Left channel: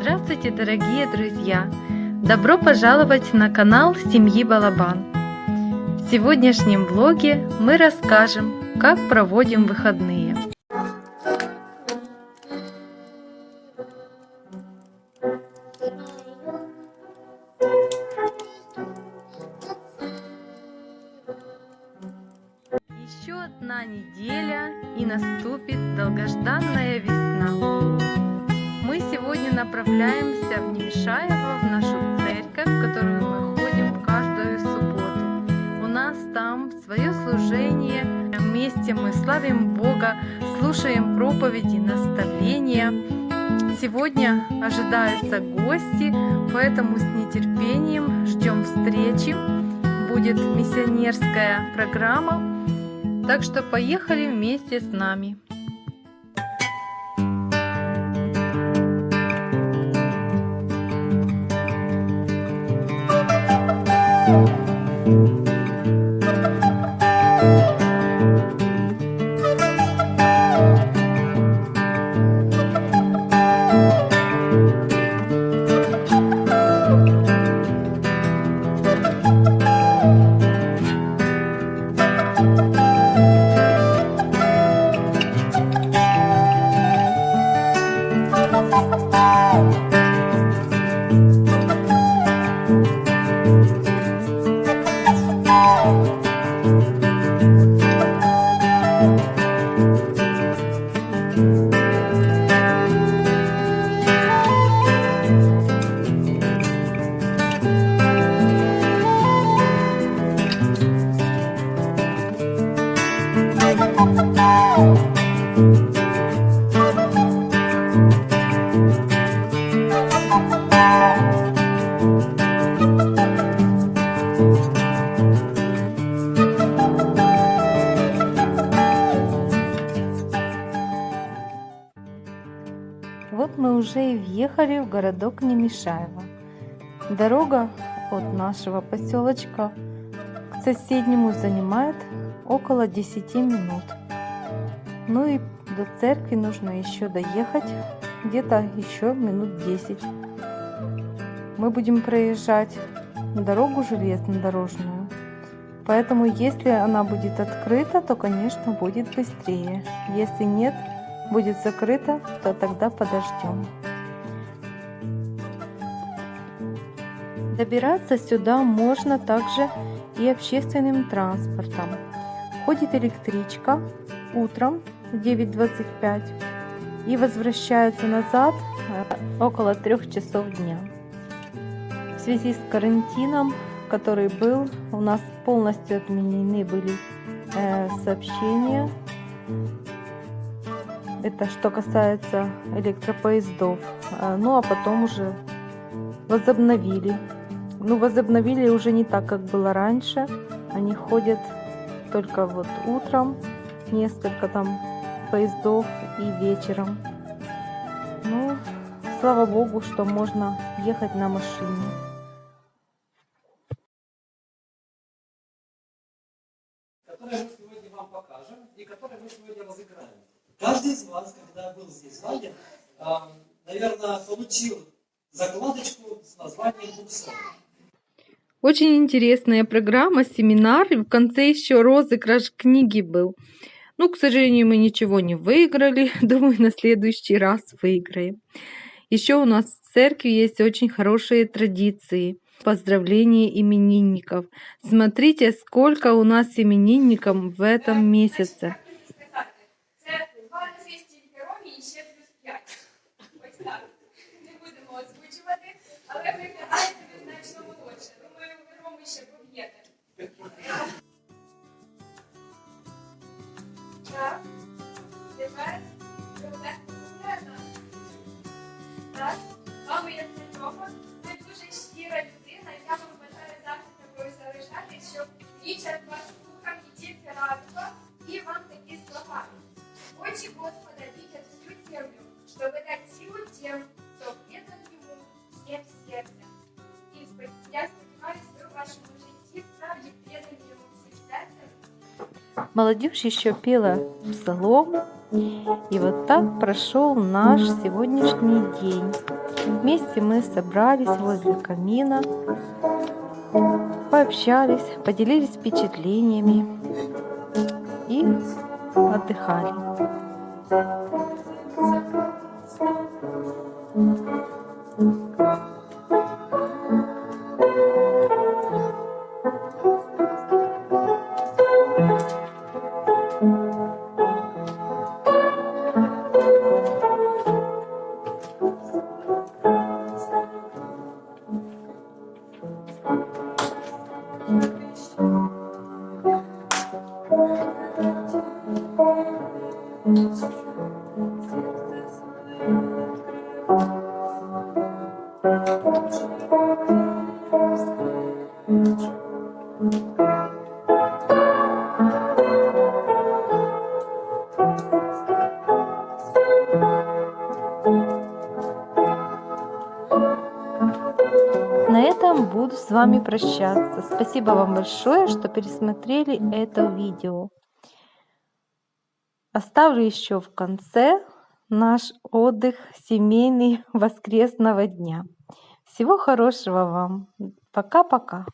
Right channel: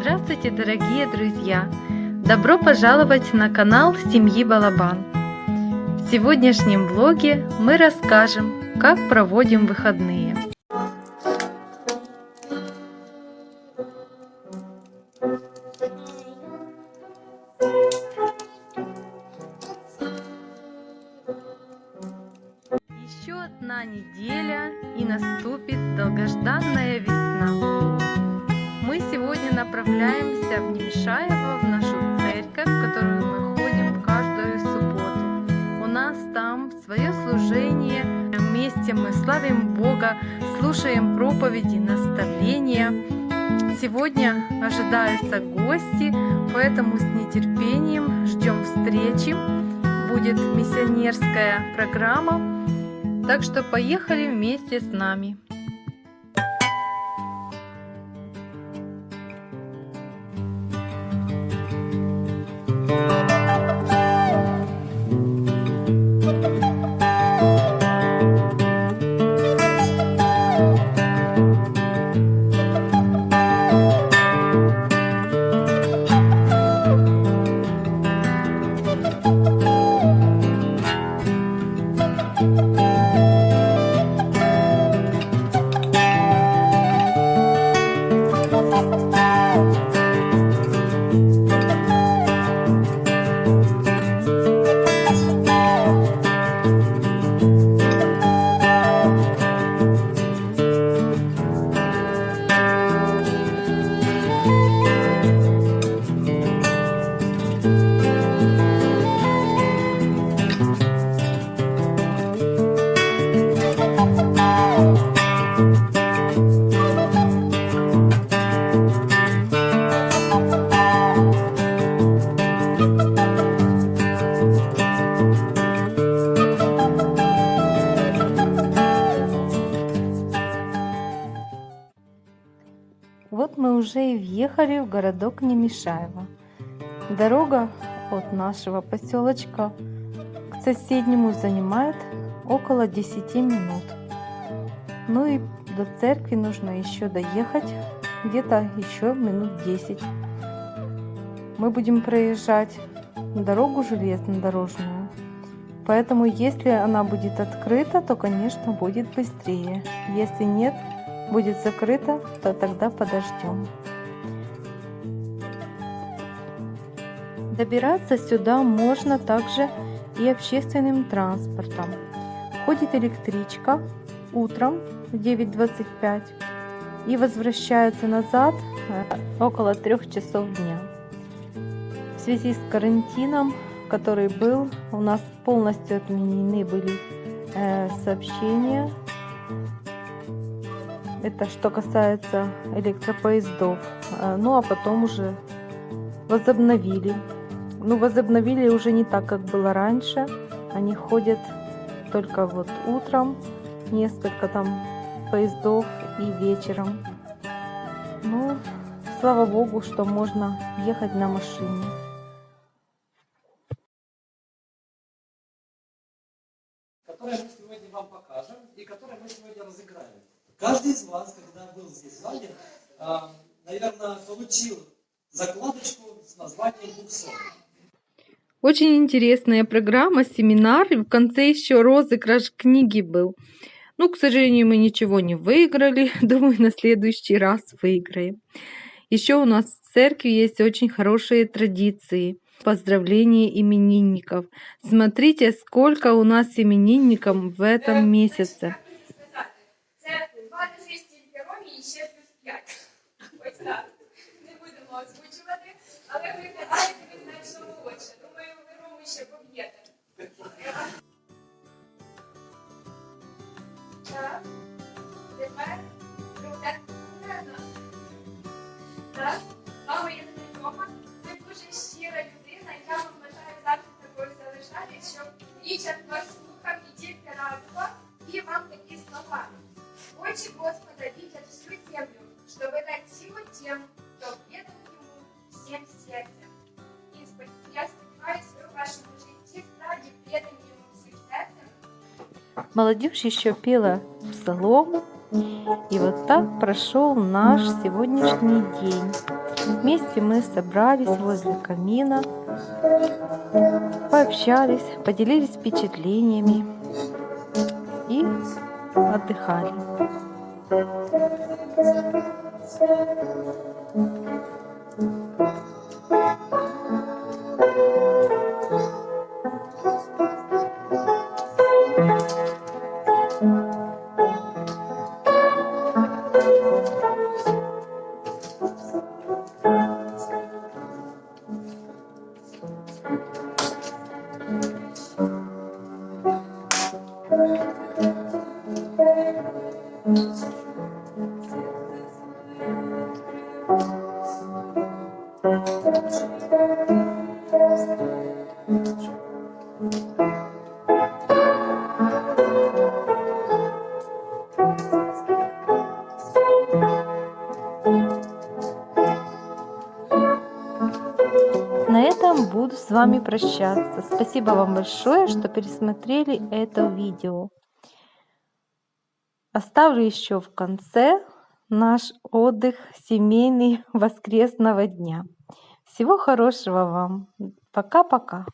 Здравствуйте, дорогие друзья! Добро пожаловать на канал Семьи Балабан. В сегодняшнем влоге мы расскажем, как проводим выходные. Еще одна неделя и наступит долгожданная весна. Мы сегодня направляемся в Немешаево, в нашу церковь, в которую мы ходим каждую субботу. У нас там свое служение, вместе мы славим Бога, слушаем проповеди, наставления. Сегодня ожидаются гости, поэтому с нетерпением ждем встречи. Будет миссионерская программа, так что поехали вместе с нами. Вот мы уже и въехали в городок Немешаево. Дорога от нашего поселочка к соседнему занимает около 10 минут. Ну и до церкви нужно еще доехать где-то еще минут 10. Мы будем проезжать дорогу железнодорожную, поэтому если она будет открыта, то, конечно, будет быстрее. Если нет, будет закрыто, то тогда подождем. Добираться сюда можно также и общественным транспортом. Ходит электричка утром в 9:25 и возвращается назад около 3 часов дня. В связи с карантином, который был, у нас полностью отменены были сообщения. Это что касается электропоездов. Ну а потом уже возобновили. Ну, возобновили уже не так, как было раньше. Они ходят только вот утром, несколько там поездов и вечером. Ну, слава Богу, что можно ехать на машине. Которые мы сегодня вам покажем и которые мы сегодня разыграем. Каждый из вас, когда был здесь ранее, наверное, получил закладочку с названием «Буксон». Очень интересная программа, семинар, и в конце еще розыгрыш книги был. Ну, к сожалению, мы ничего не выиграли. Думаю, на следующий раз выиграем. Еще у нас в церкви есть очень хорошие традиции. Поздравления именинников. Смотрите, сколько у нас именинников в этом месяце. Не будемо озвучувати, але ви гадаєте, ви значно молодше. Думаю, ви Рому ще поб'єте. Так, тепер рука вперед. Так, мама, я не Рома, ви дуже щира людина, я вам бажаю завжди такою залишати, щоб вічер вас слухав і тільки радував, і вам такі слова. Очі Господа видят всю землю, чтобы дать силу тем, кто предан Ему всем сердцем. И я сподеваюсь, вы в вашем житті справді предані Ему всем сердцем. Молодежь еще пела псалом. И вот так прошел наш сегодняшний день. Вместе мы собрались возле камина, пообщались, поделились впечатлениями и отдыхали. На этом буду с вами прощаться. Спасибо вам большое, что пересмотрели это видео. Оставлю еще в конце наш отдых семейный воскресного дня. Всего хорошего вам. Пока-пока.